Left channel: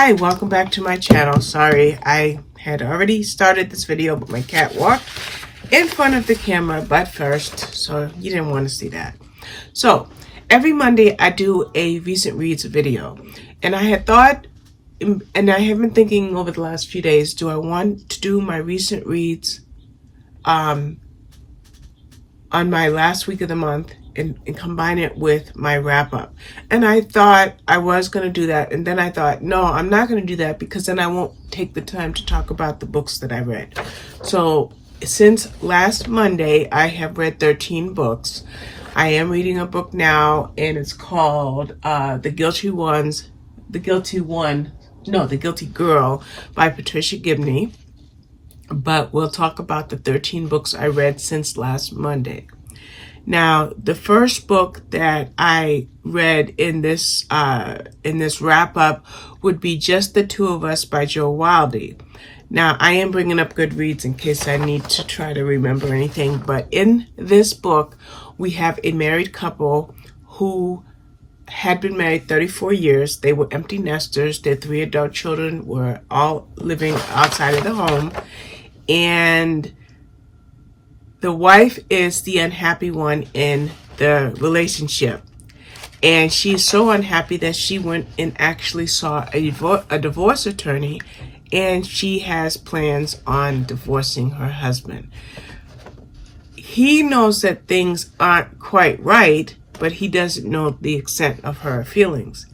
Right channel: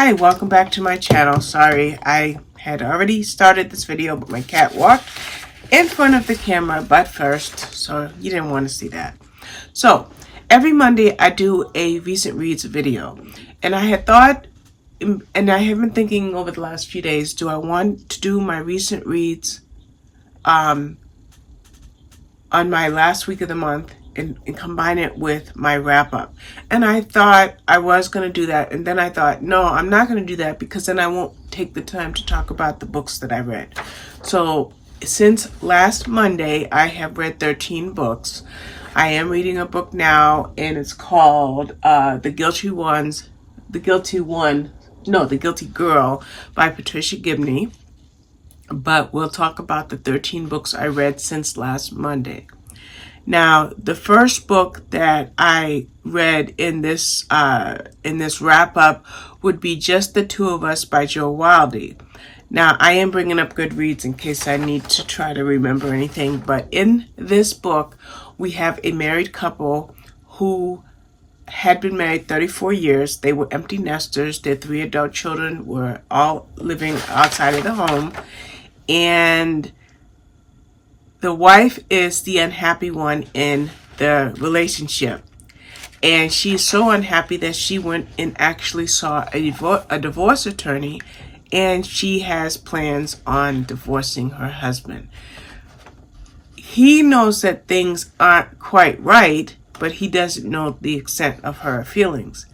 Hi, welcome back to my channel. Sorry, I had already started this video, but my cat walked in front of the camera butt first, so you didn't want to see that. So, every Monday I do a recent reads video, and I had thought, and I have been thinking over the last few days, do I want to do my recent reads on my last week of the month and combine it with my wrap up? And I thought I was going to do that, and then I thought, no, I'm not going to do that because then I won't take the time to talk about the books that I read. So since last Monday, I have read 13 books. I am reading a book now, and it's called The Guilty Girl by Patricia Gibney. But we'll talk about the 13 books I read since last Monday. Now, the first book that I read in this wrap up would be Just the Two of Us by Jo Wilde. Now, I am bringing up Goodreads in case I need to try to remember anything, but in this book, we have a married couple who had been married 34 years. They were empty nesters. Their 3 adult children were all living outside of the home, and the wife is the unhappy one in the relationship. And she's so unhappy that she went and actually saw a divorce attorney, and she has plans on divorcing her husband. He knows that things aren't quite right, but he doesn't know the extent of her feelings.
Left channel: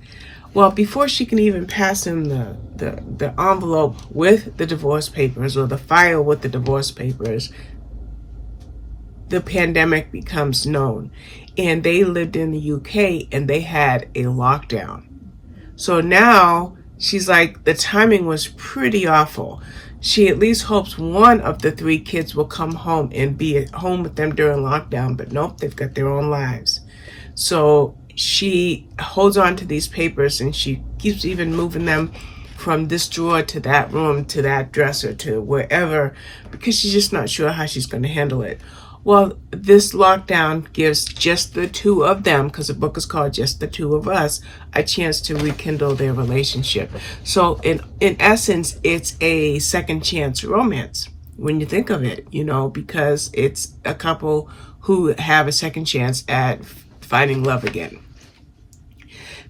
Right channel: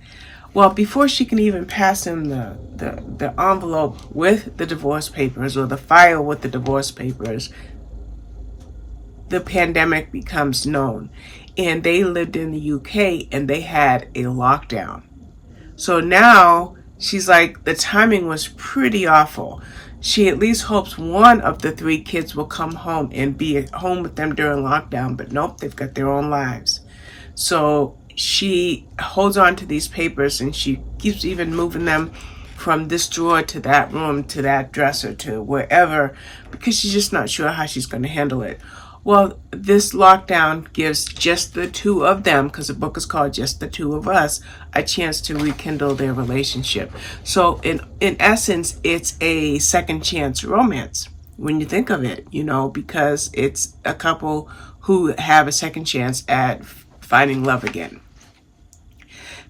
Well, before she can even pass him the envelope with the divorce papers or the file with the divorce papers, the pandemic becomes known. And they lived in the UK and they had a lockdown. So now she's like, the timing was pretty awful. She at least hopes one of the 3 kids will come home and be at home with them during lockdown, but nope, they've got their own lives. So she holds on to these papers and she keeps even moving them from this drawer to that room to that dresser to wherever, because she's just not sure how she's going to handle it. Well, this lockdown gives just the 2 of them, because the book is called Just the Two of Us, a chance to rekindle their relationship. So in essence, it's a second chance romance when you think of it, because it's a couple who have a second chance at finding love again.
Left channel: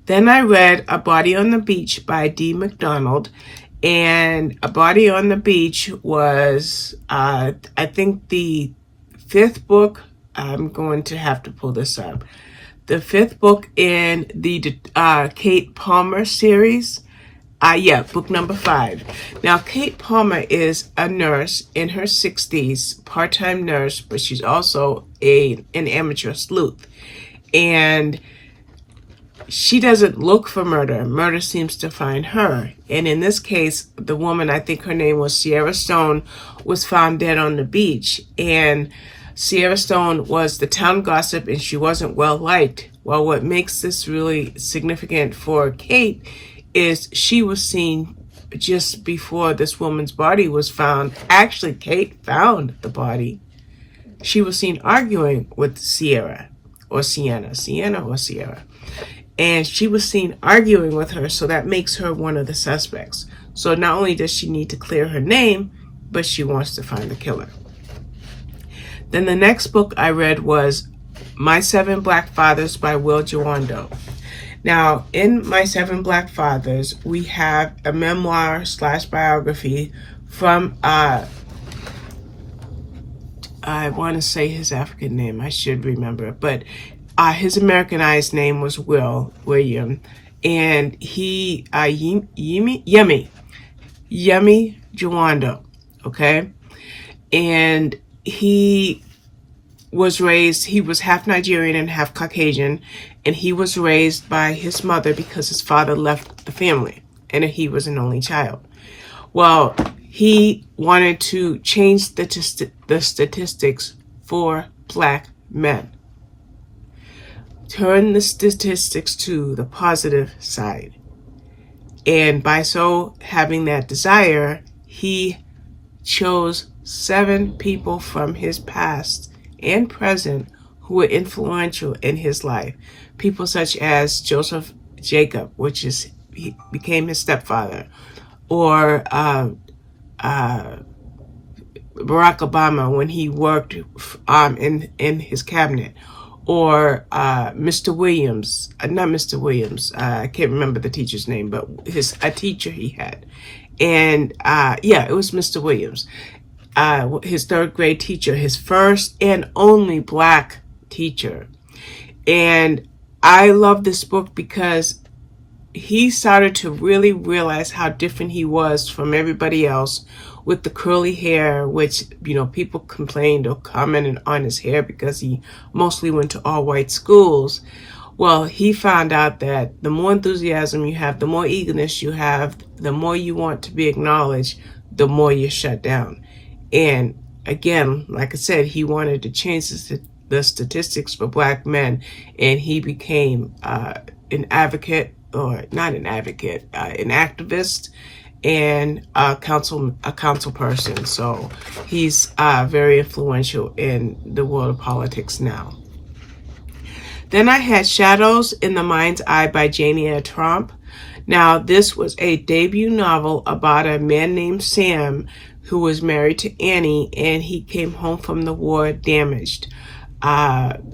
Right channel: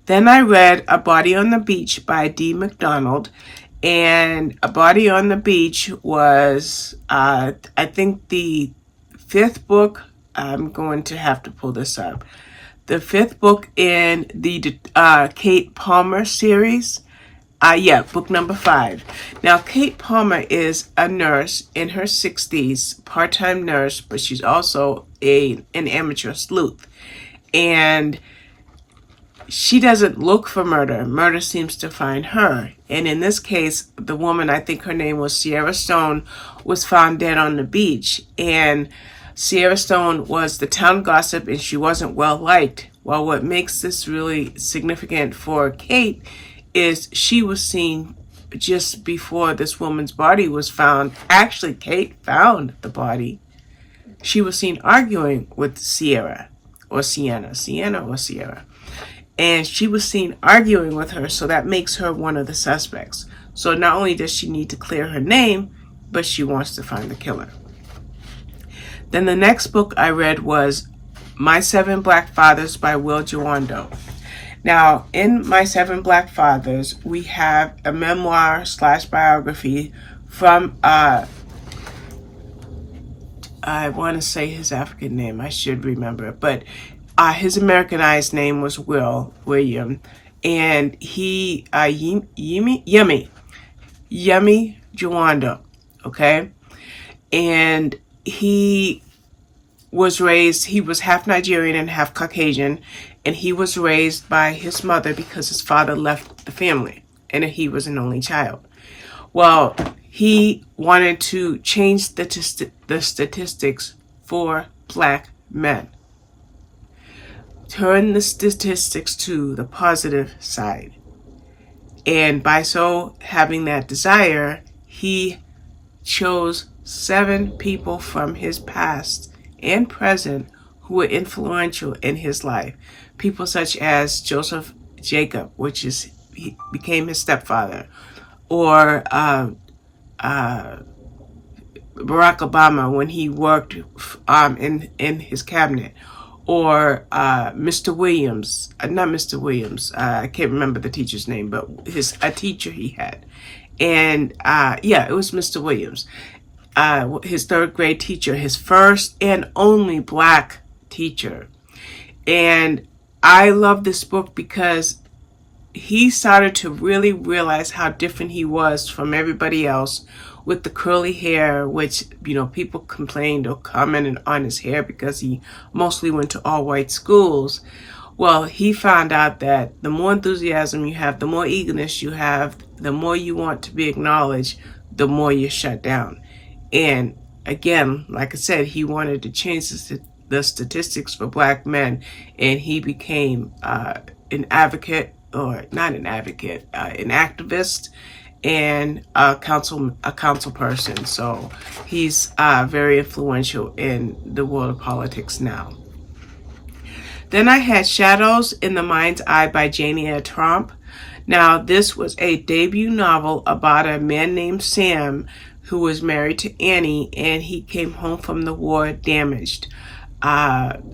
Then I read A Body on the Beach by D. MacDonald. And A Body on the Beach was, I think, the 5th book. I'm going to have to pull this up. The 5th book in the Kate Palmer series. Book number 5. Now, Kate Palmer is a nurse in her 60s, part-time nurse, but she's also an amateur sleuth. And she doesn't look for murder. Murder seems to find her. And in this case, the woman, I think her name was Sierra Stone, was found dead on the beach. And Sierra Stone was the town gossip, and she wasn't well liked. Well, what makes this really significant for Kate is she was seen just before this woman's body was found. Actually, Kate found the body. She was seen arguing with Sienna or Sierra. And she was seen arguing with her, so that makes her one of the suspects. So not only does she need to clear her name, but she wants to find the killer. Then the next book I read was My 7 Black Fathers by Jwando. Now, in My 7 Black Fathers, we have a memoir / biography from, I want to say his African name, I should remember it, but his Americanized name was William, and he, Yemi Jwando, okay? And he was half Nigerian and half Caucasian, and he was raised by his mother because his father left the family, and he was an only child. Well, he wanted to change the statistics for Black men. Turn the statistics to the positive side. And by so having that desire, he chose 7 people from his past and present who were influential in his life. People such as Joseph Jacob, which is he became his stepfather, or Barack Obama when he worked in his cabinet, or Mr. Williams, not Mr. Williams, I can't remember the teacher's name, but a teacher he had. And yeah, it was Mr. Williams, his third grade teacher, his first and only black teacher. And I love this book because he started to really realize how different he was from everybody else with the curly hair, which, you know, people complained or commented on his hair because he mostly went to all white schools. Well, he found out that the more enthusiasm you have, the more eagerness you have, the more you want to be acknowledged, the more you're shut down. And again, like I said, he wanted to change the statistics for black men, and he became an advocate, or not an advocate, an activist, and a council person. So he's very influential in the world of politics now. Then I had Shadows in the Mind's Eye by Janyre Tromp. Now, this was a debut novel about a man named Sam who was married to Annie, and he came home from the war damaged.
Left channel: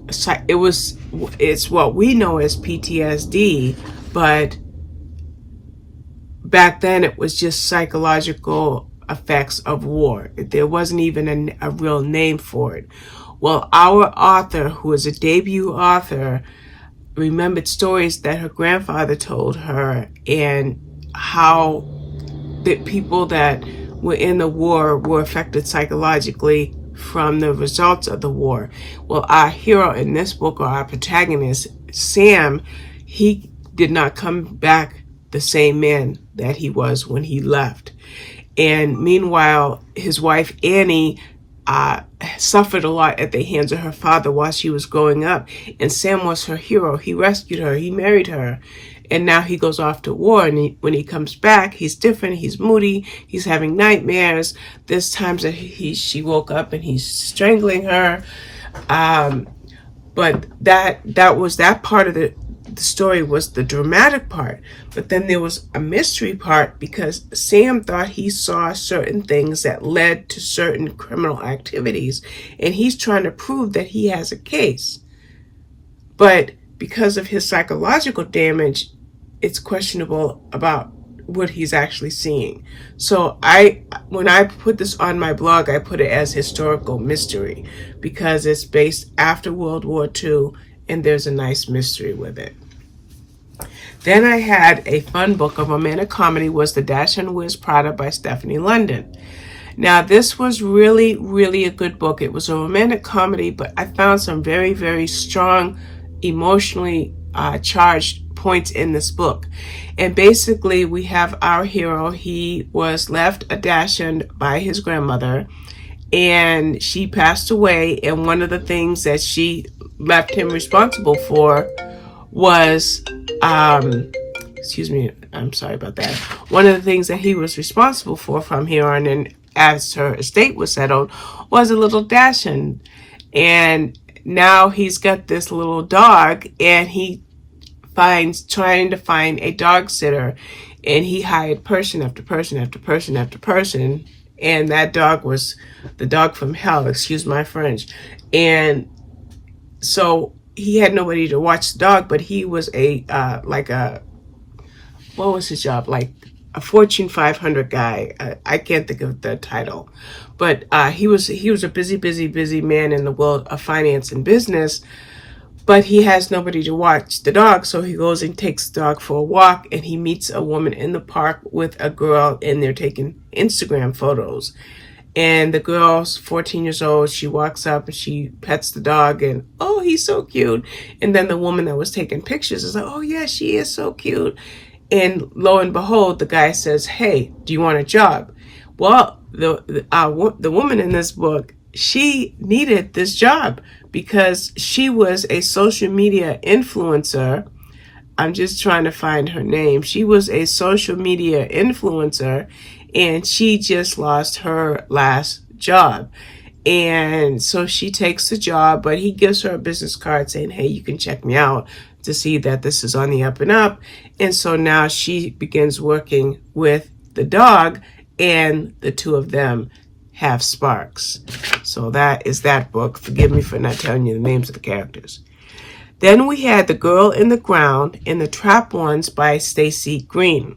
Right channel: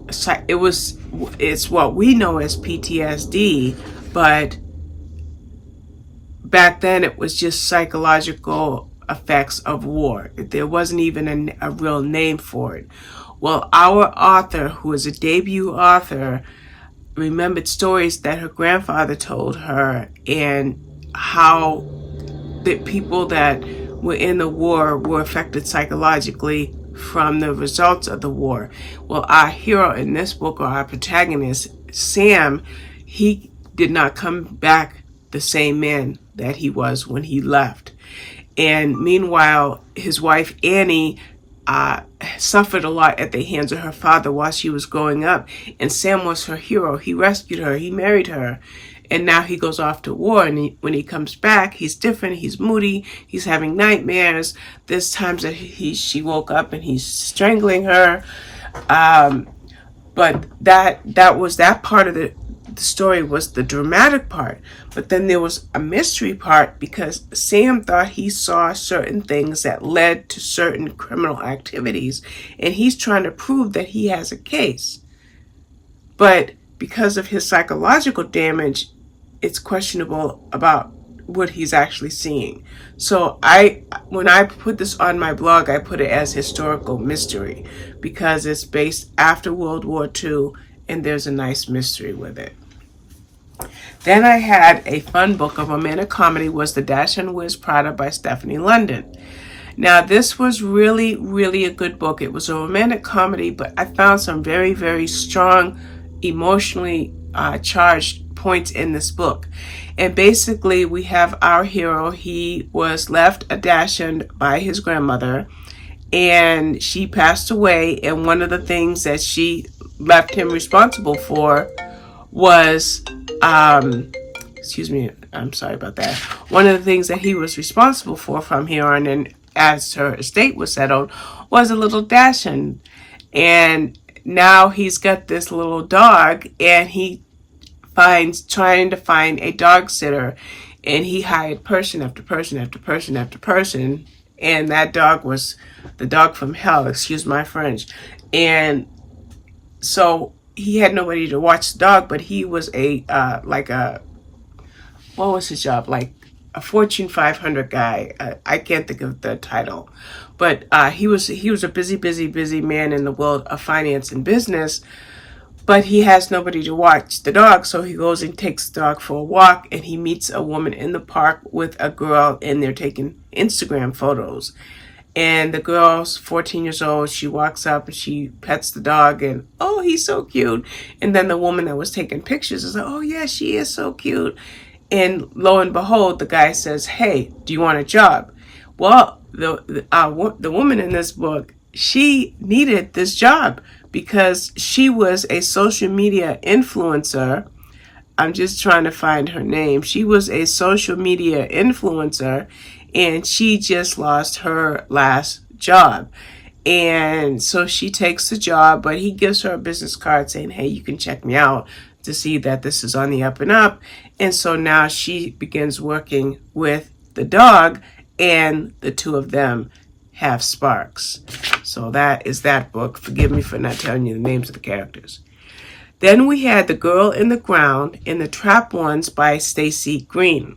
It's what we know as PTSD, but back then it was just psychological effects of war. There wasn't even a real name for it. Well, our author, who is a debut author, remembered stories that her grandfather told her, and how the people that were in the war were affected psychologically from the results of the war. Well, our hero in this book, or our protagonist, Sam, he did not come back the same man that he was when he left. And meanwhile, his wife, Annie, suffered a lot at the hands of her father while she was growing up. And Sam was her hero. He rescued her. He married her. And now he goes off to war. And when he comes back, he's different. He's moody. He's having nightmares. There's times that she woke up and he's strangling her. But that was that part of the story, was the dramatic part. But then there was a mystery part, because Sam thought he saw certain things that led to certain criminal activities, and he's trying to prove that he has a case. But because of his psychological damage, it's questionable about what he's actually seeing. So when I put this on my blog, I put it as historical mystery, because it's based after World War II, and there's a nice mystery with it. Then I had a fun book, a romantic comedy, was The Daschund Wears Prada by Stefanie London. Now, this was really, really a good book. It was a romantic comedy, but I found some very, very strong, emotionally charged points in this book. And basically, we have our hero. He was left a Daschund by his grandmother, and she passed away. And one of the things that she left him responsible for was, excuse me, I'm sorry about that. One of the things that he was responsible for from here on in, as her estate was settled, was a little Daschund. And now he's got this little dog, and he trying to find a dog sitter, and he hired person after person after person after person, and that dog was the dog from hell, excuse my French. And so he had nobody to watch the dog, but he was what was his job? Like a Fortune 500 guy. I can't think of the title, but he was a busy man in the world of finance and business. But he has nobody to watch the dog, so he goes and takes the dog for a walk, and he meets a woman in the park with a girl, and they're taking Instagram photos. And the girl's 14 years old. She walks up and she pets the dog, and oh, he's so cute. And then the woman that was taking pictures is like, oh yeah, she is so cute. And lo and behold, the guy says, hey, do you want a job? Well, the woman in this book, she needed this job because she was a social media influencer. I'm just trying to find her name. She was a social media influencer, and she just lost her last job. And so she takes the job, but he gives her a business card saying, hey, you can check me out. to see that this is on the up and up. And so now she begins working with the dog, and the two of them have sparks. So that is that book. Forgive me for not telling you the names of the characters. Then we had The Girl in the Ground and The Trap Ones by Stacy Green.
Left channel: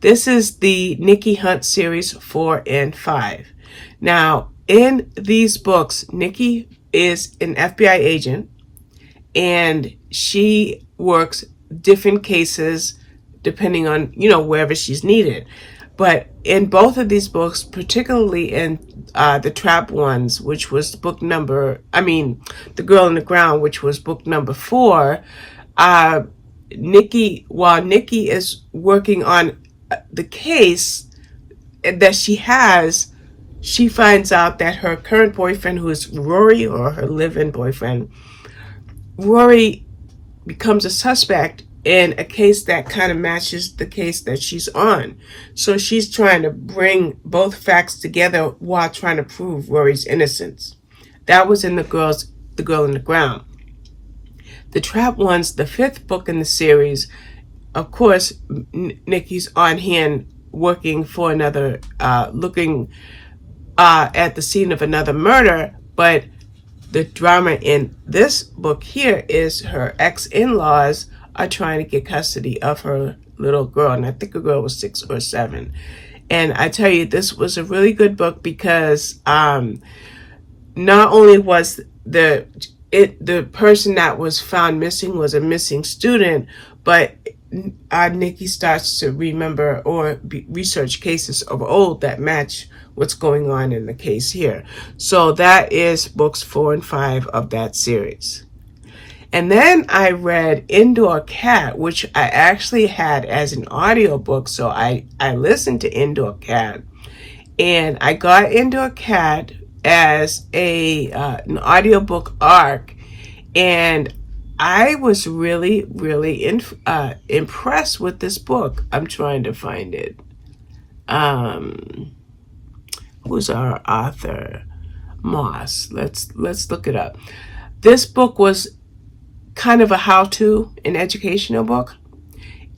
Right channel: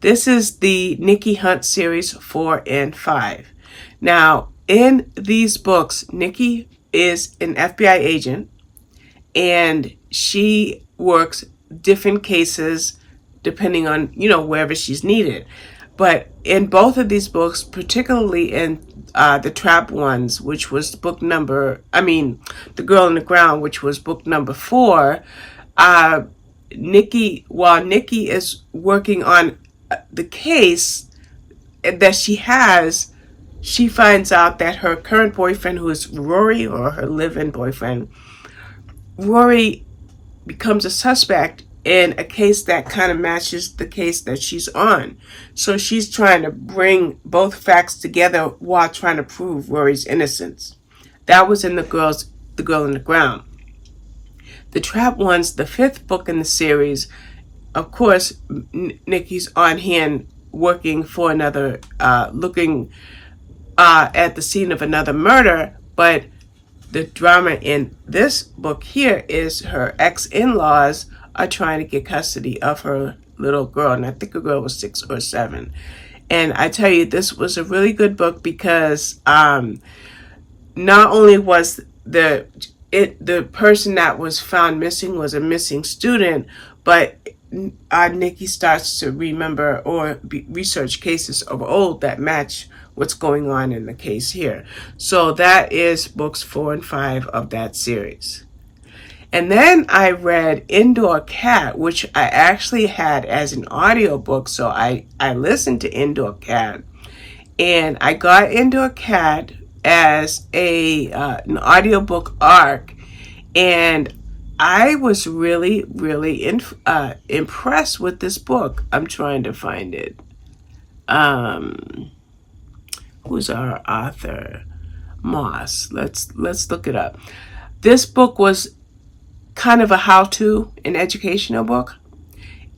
This is the Nikki Hunt series 4 and 5. Now, in these books, Nikki is an FBI agent, and she works different cases depending on, wherever she's needed. But in both of these books, particularly in The Trap Ones, which was The Girl in the Ground, which was book number 4, while Nikki is working on the case that she has, she finds out that her current boyfriend, who is Rory, or her live-in boyfriend, Rory becomes a suspect in a case that kind of matches the case that she's on. So she's trying to bring both facts together while trying to prove Rory's innocence. That was in The Girl in the Ground. The Trap Ones, the 5th book in the series, of course, Nikki's on hand working for another, looking at the scene of another murder, but the drama in this book here is her ex-in-laws are trying to get custody of her little girl, and I think the girl was 6 or 7. And I tell you, this was a really good book because not only was the person that was found missing was a missing student, but Nikki starts to remember or research cases of old that match what's going on in the case here. So that is books 4 and 5 of that series. And then I read Indoor Cat, which I actually had as an audiobook. So I listened to Indoor Cat, and I got Indoor Cat as an audiobook arc, and I was really, really impressed with this book. I'm trying to find it. Who's our author? Moss. Let's look it up. This book was kind of a how-to, an educational book,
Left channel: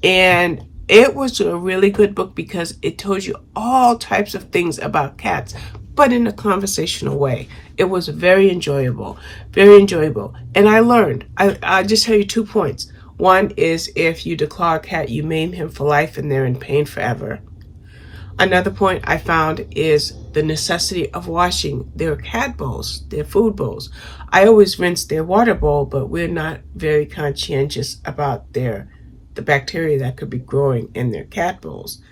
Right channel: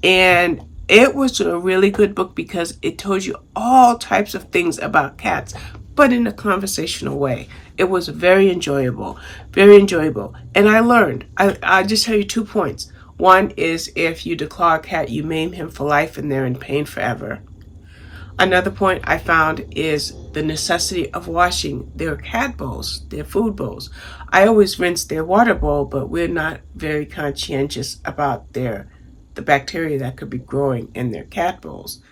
and it was a really good book because it told you all types of things about cats, but in a conversational way. It was very enjoyable, and I learned. I just tell you 2 points. One is, if you declaw a cat, you maim him for life and they're in pain forever. Another point I found is the necessity of washing their cat bowls, their food bowls. I always rinse their water bowl, but we're not very conscientious about the bacteria that could be growing in their cat bowls.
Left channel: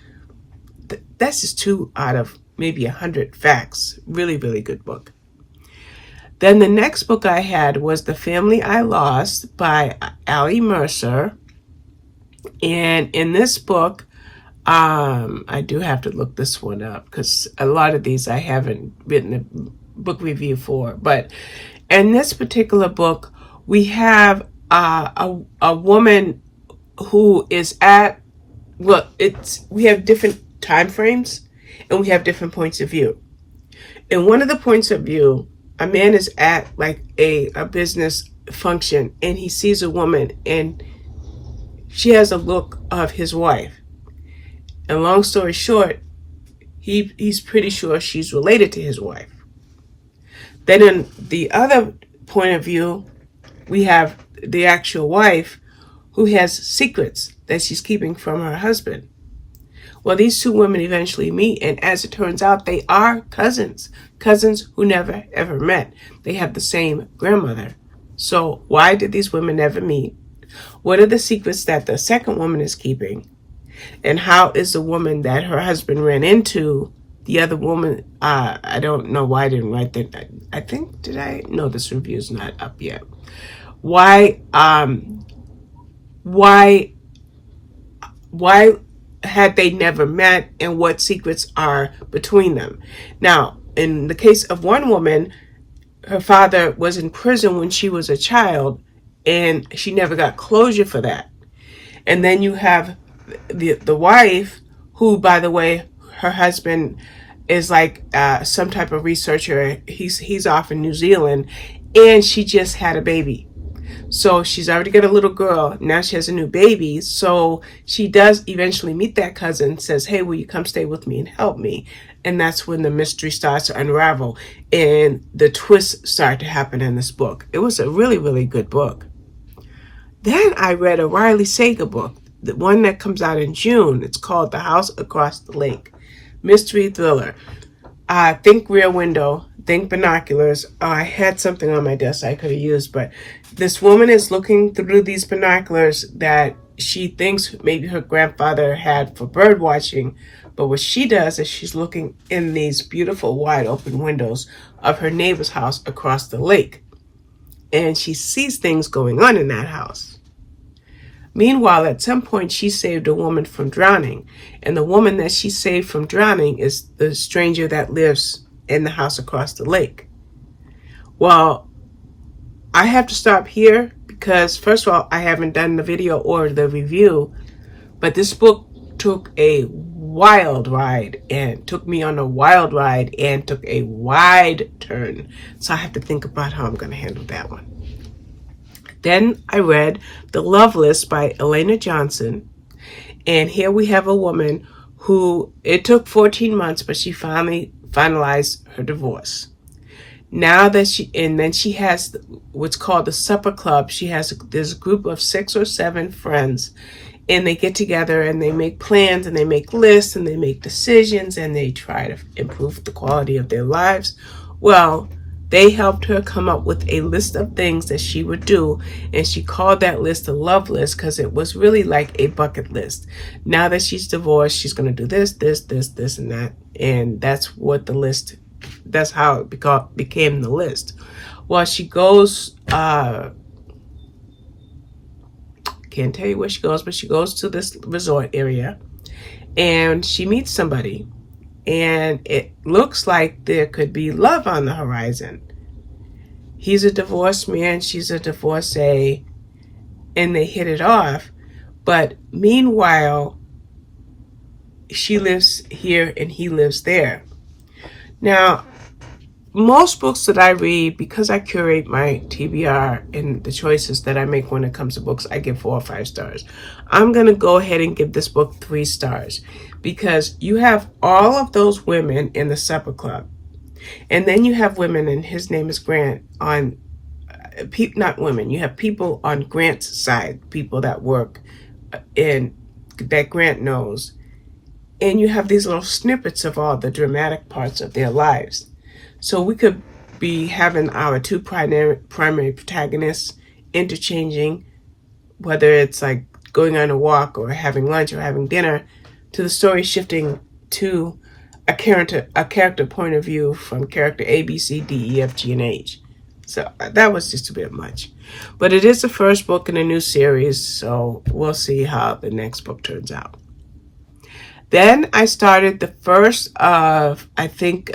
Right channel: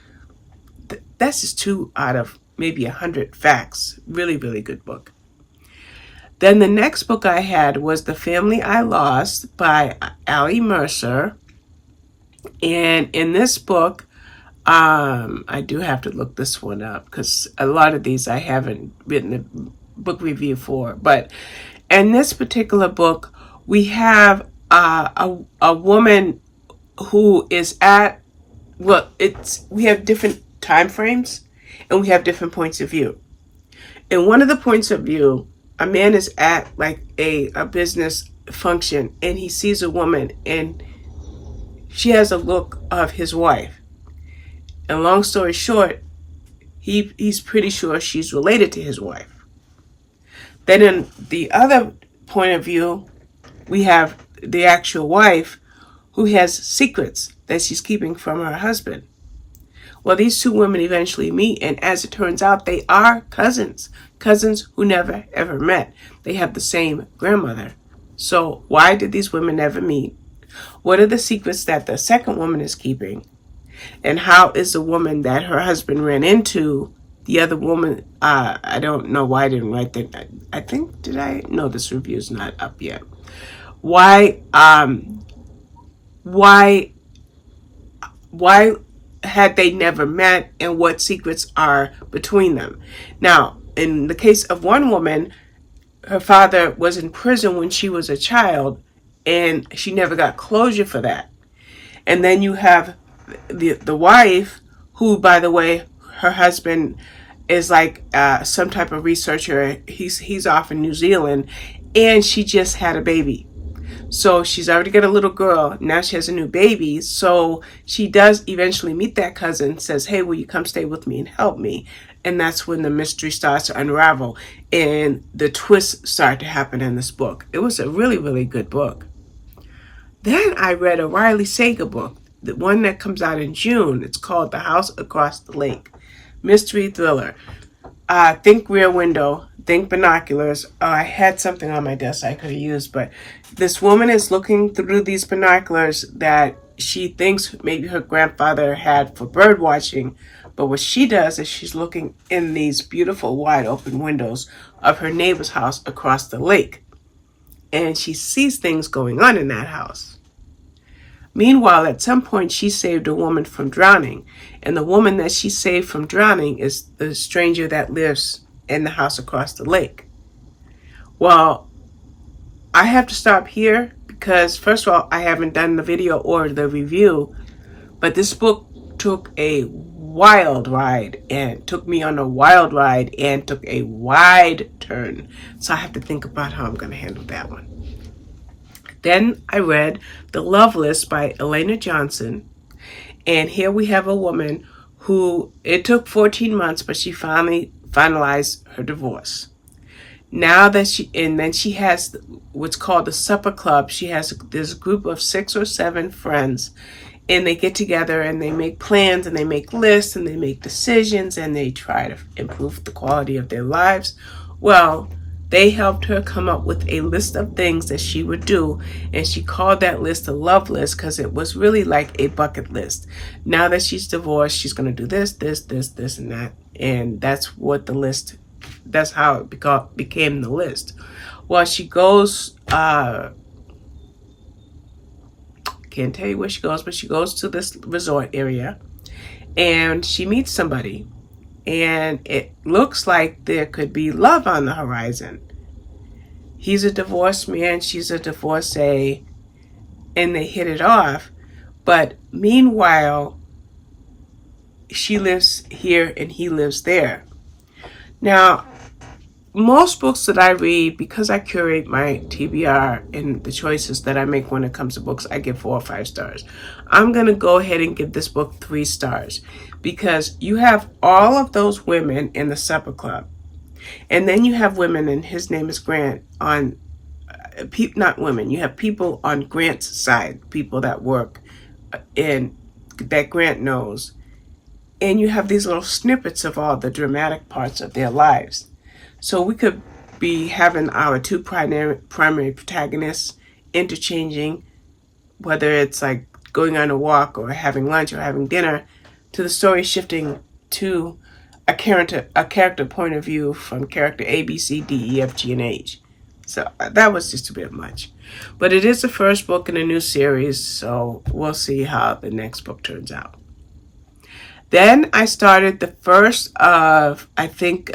That's just 2 out of maybe 100 facts. Really, really good book. Then the next book I had was The Family I Lost by Ali Mercer. And in this book, I do have to look this one up because a lot of these I haven't written a book review for. But in this particular book, we have a woman who is we have different time frames and we have different points of view. In one of the points of view, a man is at like a business function, and he sees a woman, and she has a look of his wife. And long story short, he's pretty sure she's related to his wife. Then in the other point of view, we have the actual wife who has secrets that she's keeping from her husband. Well, these 2 women eventually meet, and as it turns out, they are cousins who never ever met. They have the same grandmother. So why did these women never meet? What are the secrets that the second woman is keeping? And how is the woman that her husband ran into, the other woman, I don't know why I didn't write that. I think, did I? No, this review is not up yet. Why had they never met, and what secrets are between them? Now, in the case of one woman, her father was in prison when she was a child, and she never got closure for that. And then you have the wife, who, by the way, her husband is like some type of researcher. He's off in New Zealand, and she just had a baby. So she's already got a little girl. Now she has a new baby. So she does eventually meet that cousin, says, hey, will you come stay with me and help me? And that's when the mystery starts to unravel and the twists start to happen in this book. It was a really, really good book. Then I read a Riley Sager book, the one that comes out in June. It's called The House Across the Lake. Mystery thriller. Think Rear Window, think binoculars. I had something on my desk I could have used, but this woman is looking through these binoculars that she thinks maybe her grandfather had for bird watching. But what she does is she's looking in these beautiful wide open windows of her neighbor's house across the lake. And she sees things going on in that house. Meanwhile, at some point, she saved a woman from drowning. And the woman that she saved from drowning is the stranger that lives in the house across the lake. Well, I have to stop here because, first of all, I haven't done the video or the review. But this book took a wild ride and took me on a wild ride and took a wide turn. So I have to think about how I'm going to handle that one. Then I read The Love List by Elana Johnson. And here we have a woman who, it took 14 months, but she finally finalized her divorce. Now that then she has what's called the Supper Club. There's a group of 6 or 7 friends, and they get together and they make plans and they make lists and they make decisions and they try to improve the quality of their lives. Well, they helped her come up with a list of things that she would do, and she called that list a love list because it was really like a bucket list. Now that she's divorced, she's going to do this, this, this, this, and that, and that's how it became the list. Well, she goes, can't tell you where she goes, but she goes to this resort area, and she meets somebody. And it looks like there could be love on the horizon. He's a divorced man, she's a divorcee, and they hit it off. But meanwhile, she lives here and he lives there. Now, most books that I read, because I curate my TBR and the choices that I make when it comes to books, I give 4 or 5 stars. I'm going to go ahead and give this book 3 stars because you have all of those women in the Supper Club. And then you have women, and his name is Grant, not women, you have people on Grant's side, people that work in, that Grant knows. And you have these little snippets of all the dramatic parts of their lives. So we could be having our 2 primary protagonists interchanging, whether it's like going on a walk or having lunch or having dinner, to the story shifting to a character point of view from character A, B, C, D, E, F, G, and H. So that was just a bit much. But it is the first book in a new series, so we'll see how the next book turns out. Then I started the first of, I think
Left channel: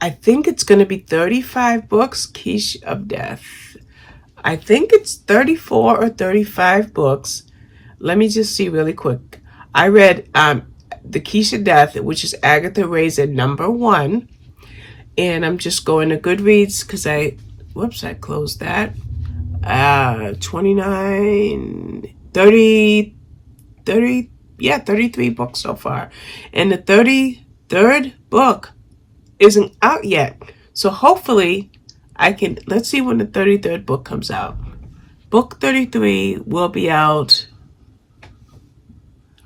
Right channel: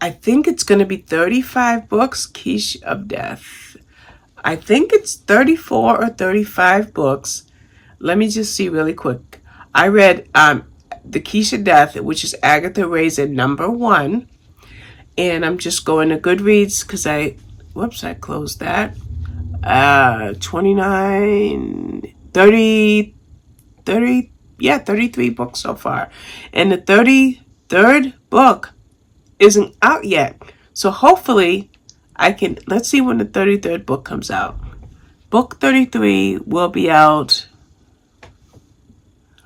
it's going to be 35 books, Quiche of Death. I think it's 34 or 35 books. Let me just see really quick. I read The Quiche of Death, which is Agatha Raisin #1. And I'm just going to Goodreads because I closed that. 33 books so far. And the 33rd book isn't out yet. So hopefully let's see when the 33rd book comes out. Book 33 will be out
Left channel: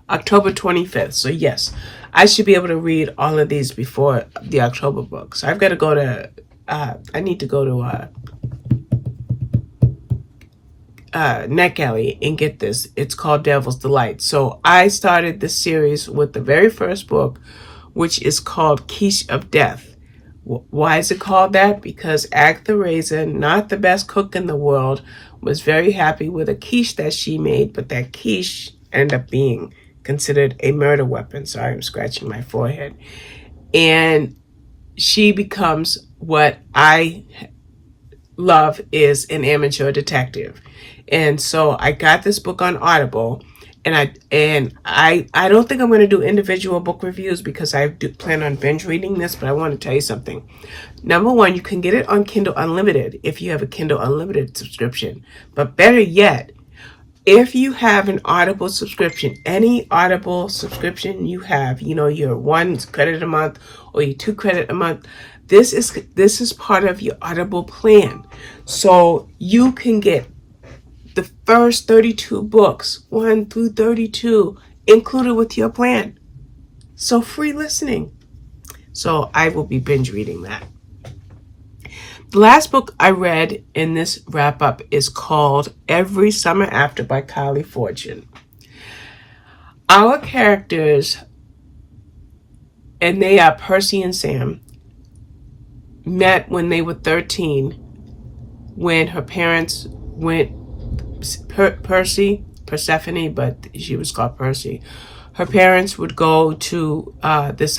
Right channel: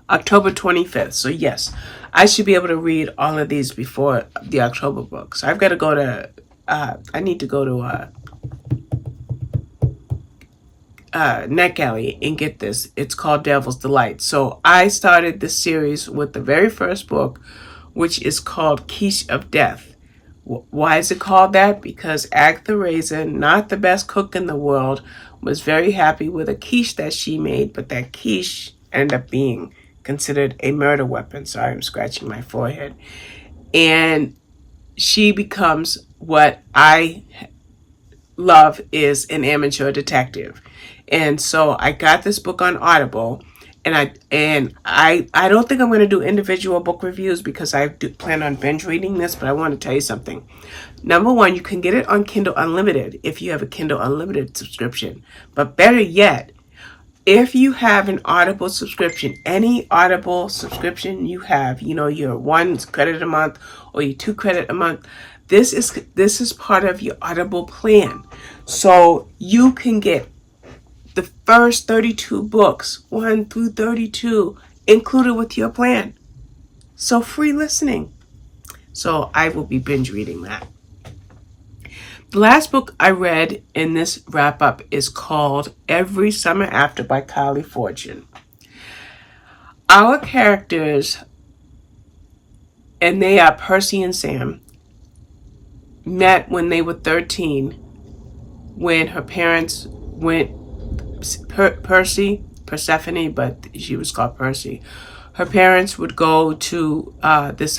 October 25th. So yes, I should be able to read all of these before the October book. So I've got to go to, I need to go to NetGalley and get this. It's called Devil's Delight. So I started this series with the very first book, which is called Quiche of Death. Why is it called that? Because Agatha Raisin, not the best cook in the world, was very happy with a quiche that she made, but that quiche ended up being considered a murder weapon. Sorry, I'm scratching my forehead. And she becomes what I love is an amateur detective. And so I got this book on Audible, I don't think I'm going to do individual book reviews because I do plan on binge reading this, but I want to tell you something. Number one, you can get it on Kindle Unlimited if you have a Kindle Unlimited subscription. But better yet, if you have an Audible subscription, any Audible subscription you have, you know, your 1 credit a month or your 2 credit a month, this is part of your Audible plan. So you can get the first 32 books, 1 through 32, included with your plan. So free listening. So I will be binge reading that. The last book I read in this wrap up is called Every Summer After by Kylie Fortune. Our characters, and they are Percy and Sam, met when they were 13 when her parents went, Persephone, but she was called Percy. Her parents would go to this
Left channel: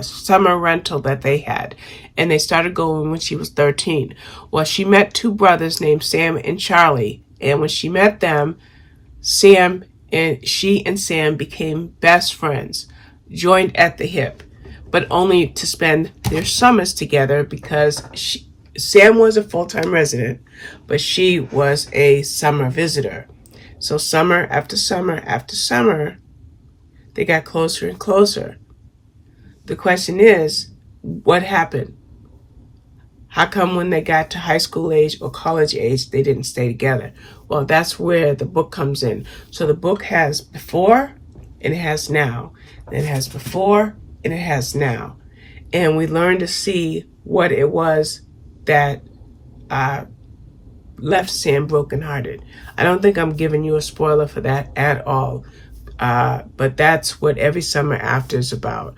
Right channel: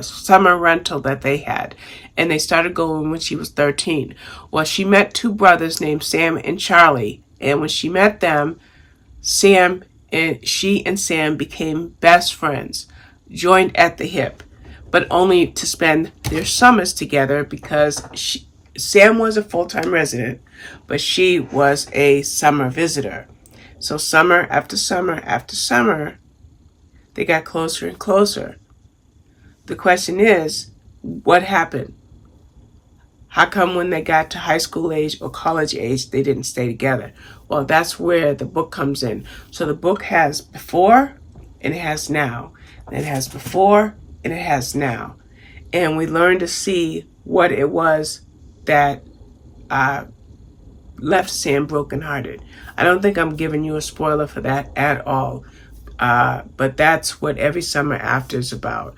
summer rental that they had, and they started going when she was 13. Well, she met 2 brothers named Sam and Charlie, and when she met them, she and Sam became best friends, joined at the hip, but only to spend their summers together because Sam was a full-time resident, but she was a summer visitor. So summer after summer after summer, they got closer and closer. The question is, what happened? How come when they got to high school age or college age, they didn't stay together? Well, that's where the book comes in. So the book has before and it has now. It has before and it has now. And we learn to see what it was that left Sam brokenhearted. I don't think I'm giving you a spoiler for that at all. But that's what Every Summer After is about.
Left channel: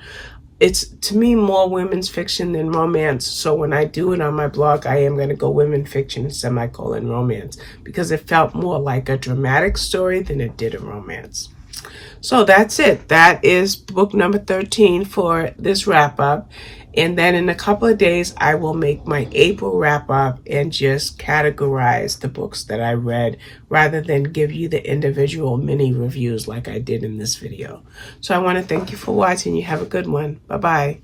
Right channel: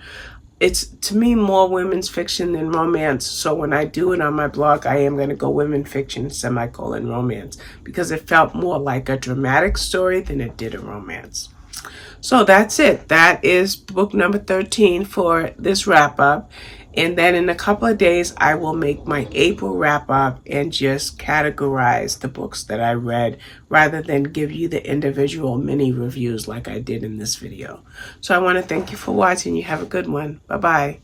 It's, to me, more women's fiction than romance. So when I do it on my blog, I am going to go women fiction, semicolon romance, because it felt more like a dramatic story than it did a romance. So that's it. That is book number 13 for this wrap up. And then in a couple of days, I will make my April wrap up and just categorize the books that I read rather than give you the individual mini reviews like I did in this video. So I want to thank you for watching. You have a good one. Bye-bye.